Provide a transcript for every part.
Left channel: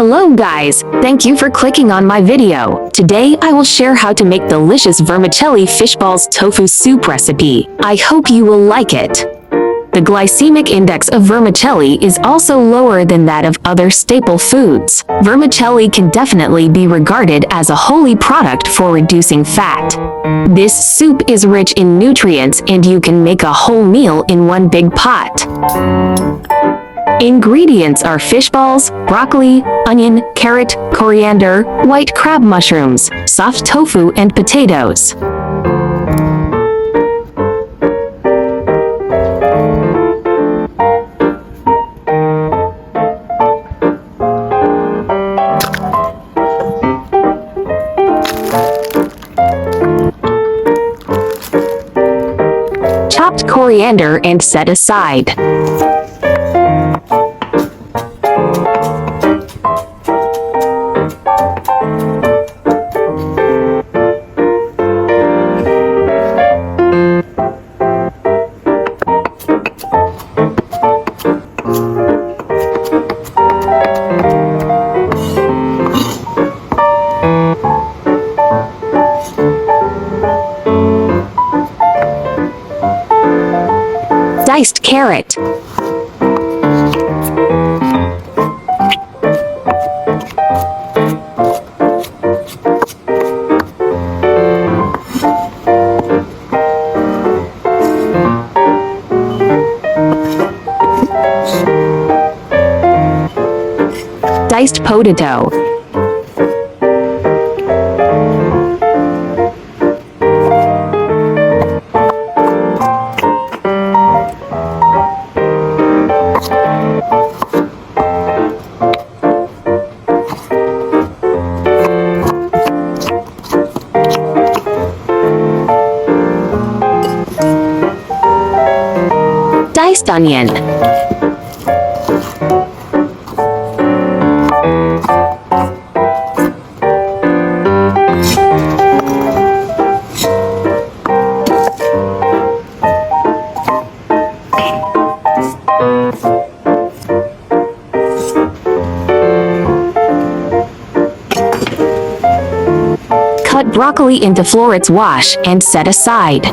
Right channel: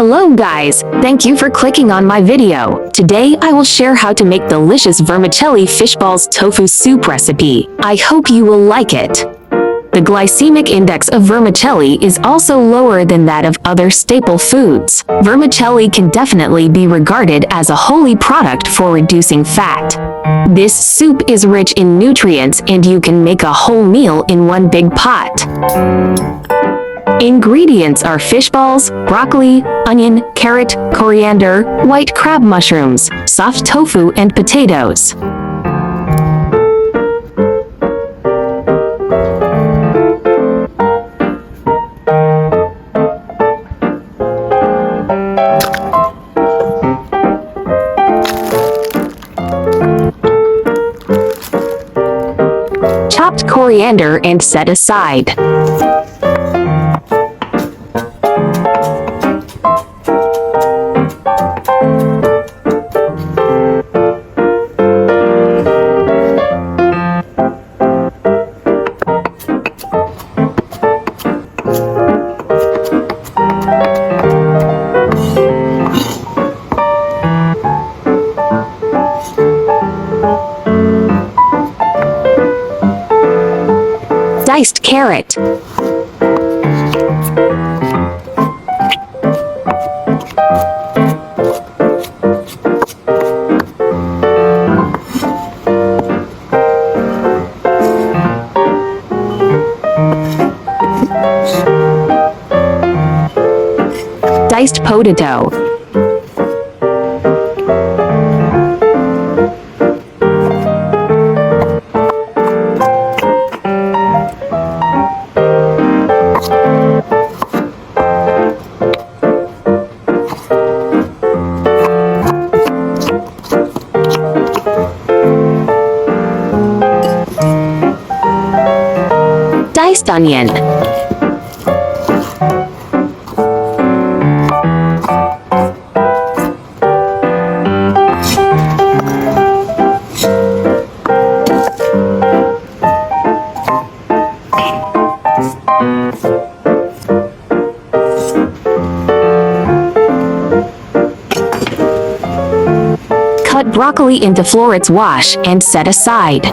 Hello guys, thank you for clicking on my video. Today I will share how to make delicious vermicelli fishballs tofu soup recipe. I hope you will like it. The glycemic index of vermicelli is also lower than that of other staple foods. Vermicelli can definitely be regarded as a holy product for reducing fat. This soup is rich in nutrients and you can make a whole meal in one big pot. Ingredients are fish balls, broccoli, onion, carrot, coriander, white crab mushrooms, soft tofu, and potatoes. Chopped coriander and set aside. Diced carrot. Diced potato. Diced onion. Cut broccoli into florets, wash, and set aside.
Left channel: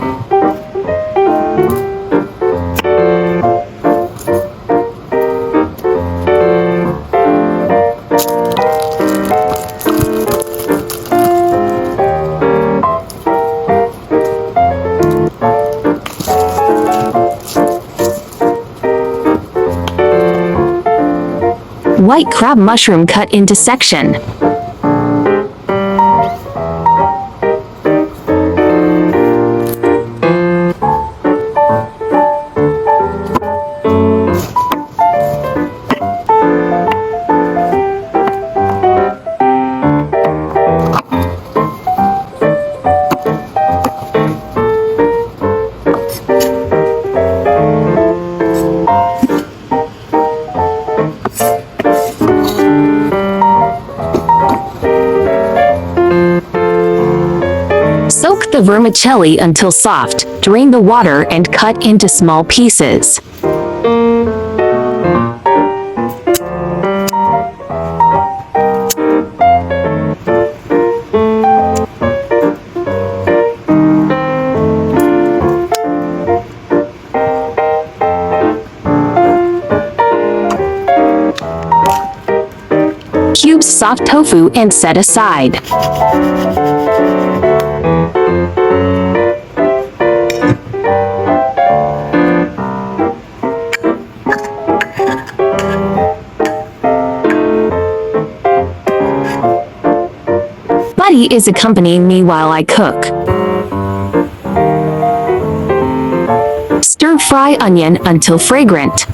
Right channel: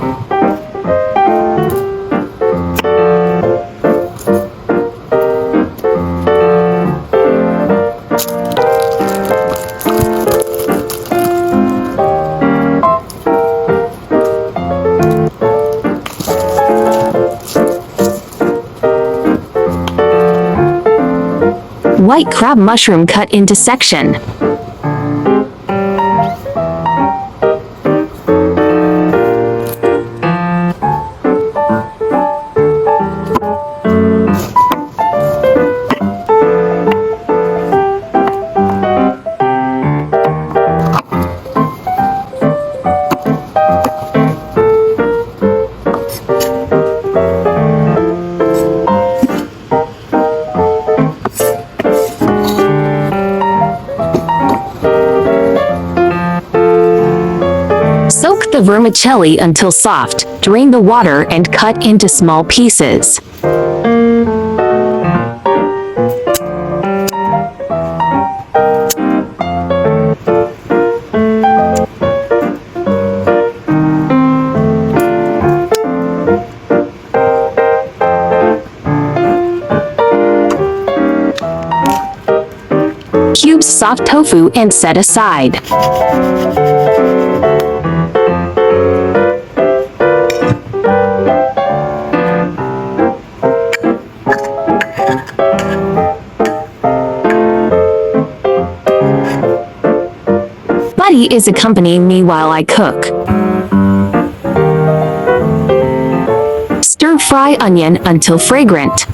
White crab mushroom cut into section. Soak the vermicelli until soft, drain the water and cut into small pieces. Cube soft tofu and set aside. Buddy is accompanying me while I cook. Stir fry onion until fragrant.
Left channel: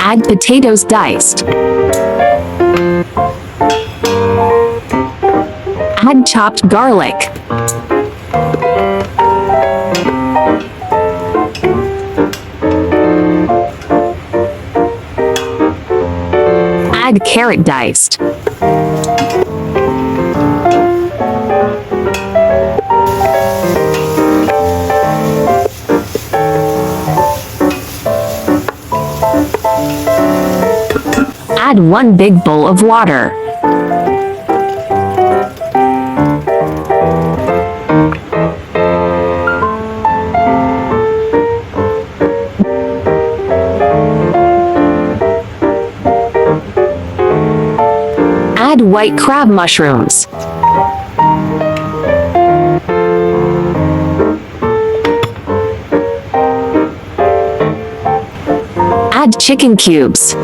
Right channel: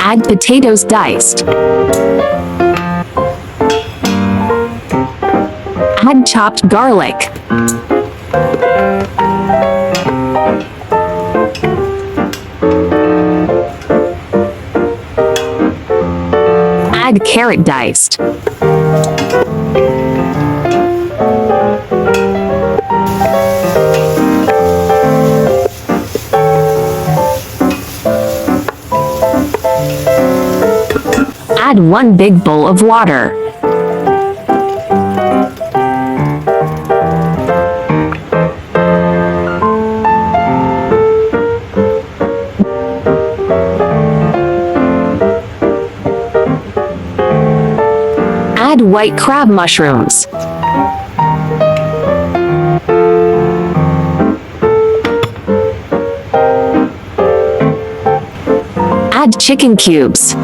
Add potatoes diced. Add chopped garlic. Add carrot diced. Add 1 big bowl of water. Add white crab mushrooms. Add chicken cubes.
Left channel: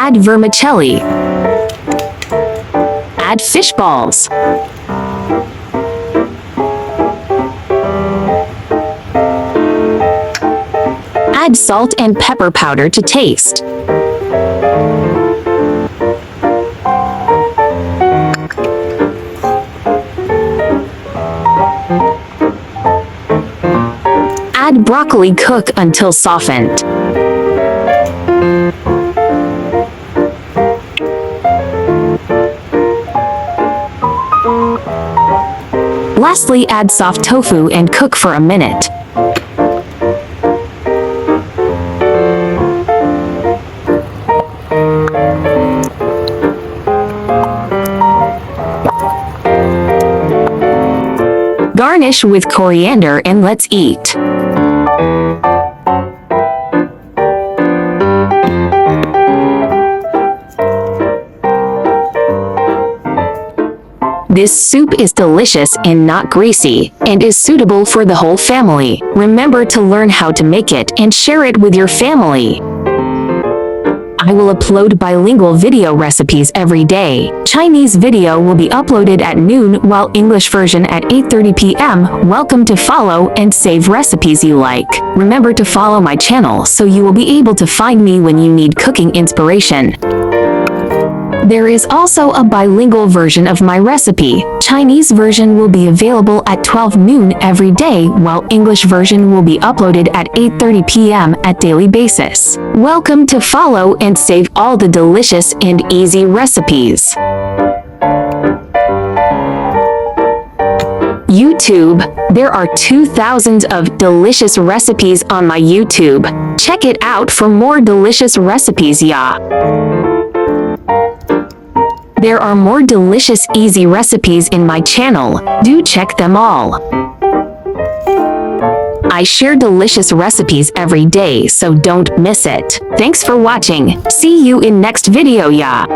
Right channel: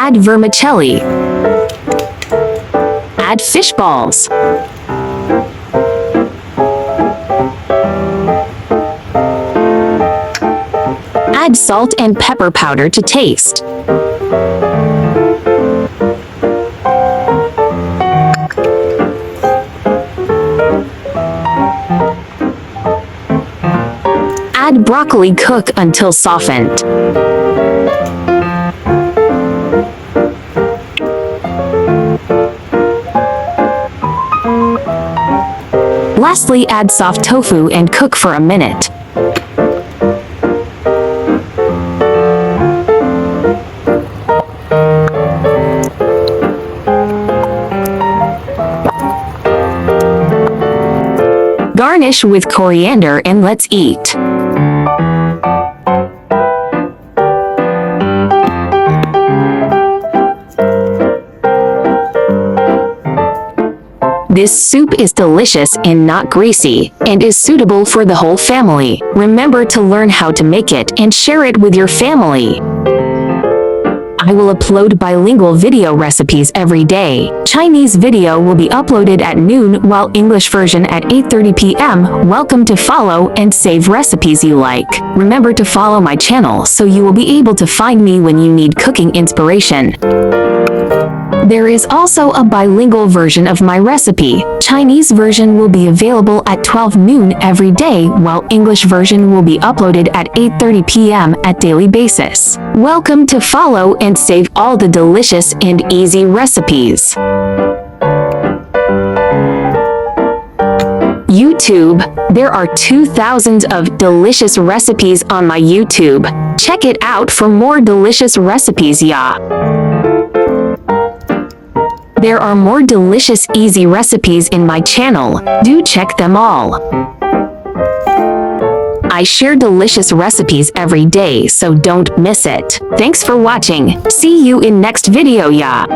Add vermicelli. Add fish balls. Add salt and pepper powder to taste. Add broccoli, cook until softened. Lastly, add soft tofu and cook for a minute. Garnish with coriander and let's eat. This soup is delicious and not greasy, and is suitable for the whole family. Remember to learn how to make it and share it with your family. I will upload bilingual video recipes every day. Chinese video will be uploaded at noon while English version at 8:30 p.m. Welcome to follow and save recipes you like. Remember to follow my channel so you will be able to find me when you need cooking inspiration. There is also a bilingual version of my recipe. Chinese version will be available at 12 noon every day, while English version will be uploaded at 8:30 p.m. at daily basis. Welcome to follow and save all the delicious and easy recipes. YouTube. There are 2,000 of delicious recipes on my YouTube. Check it out for more delicious recipes, yeah. There are more delicious, easy recipes in my channel. Do check them all. I share delicious recipes every day, so don't miss it. Thanks for watching. See you in next video, yeah.